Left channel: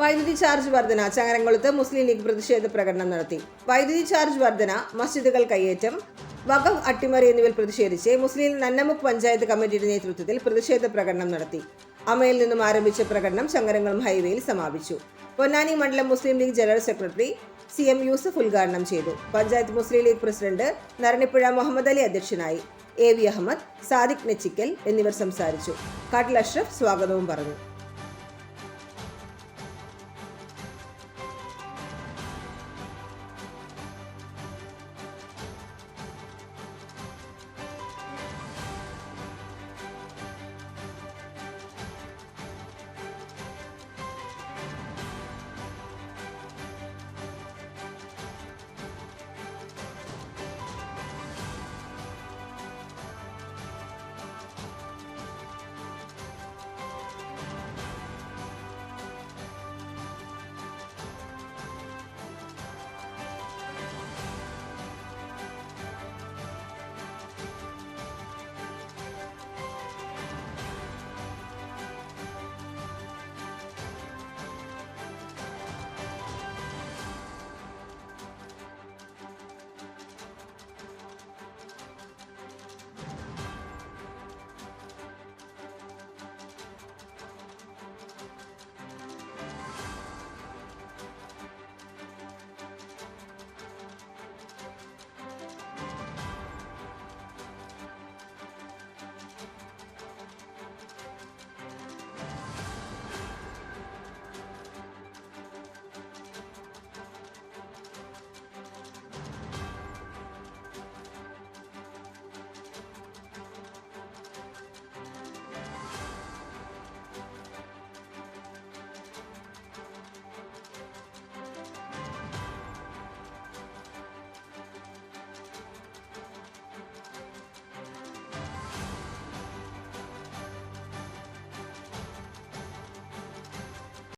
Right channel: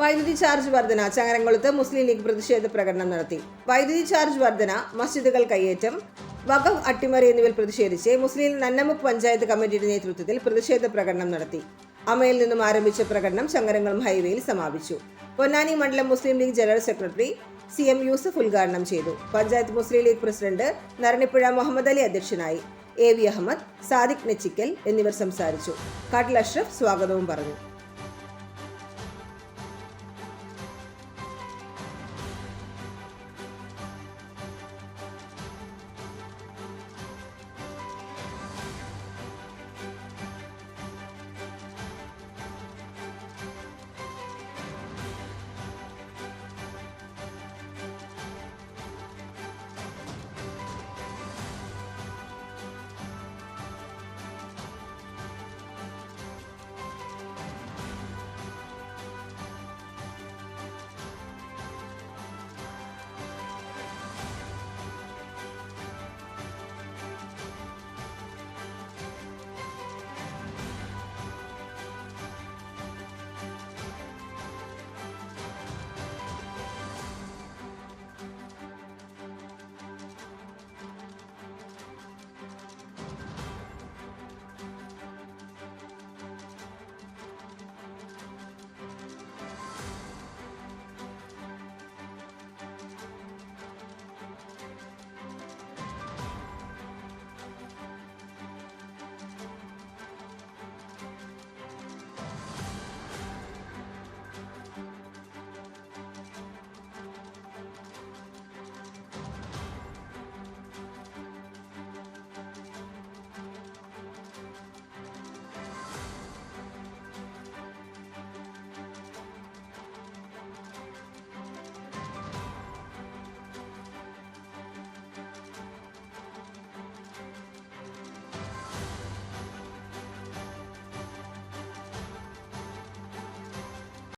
വൈദ്യുതി ചാർജ് വർധന. ചങ്ങരംകുളത്ത് മുസ്ലിം ലീഗ് പ്രതിഷേധ പ്രകടനം നടത്തി. വൈദ്യുതി ചാർജ് വർധന, മസ്ജിദുകൾ കയ്യേറ്റം, വഖഫ് അട്ടിമറി എന്നിവയിൽ പ്രതിഷേധിച്ച് മുസ്ലിം നന്നമുക്ക് പഞ്ചായത്ത് കമ്മിറ്റിയുടെ നേതൃത്വത്തിൽ പ്രതിഷേധ പ്രകടനം നടത്തി. അമയിൽ നിന്നും ആരംഭിച്ച പ്രകടനം ചങ്ങരംകുളം ഹൈവേയിൽ സമാപിച്ചു. പൊന്നാനി മണ്ഡലം മുസ്ലിം league general secretary CM Yusuf ഉദ്ഘാടനം ചെയ്തു. പഞ്ചായത്ത് മുസ്ലിം ലീഗ് പ്രസിഡന്റ് നരണിപ്പുഴ മുഹമ്മദ് അലി അധ്യക്ഷനായി. AV അഹമ്മദ്, സാദിഖ് നെച്ചിക്കൽ എന്നിവർ സംസാരിച്ചു. കാട്ടിൽ അഷ്റഫ് സ്വാഗതവും പറഞ്ഞു.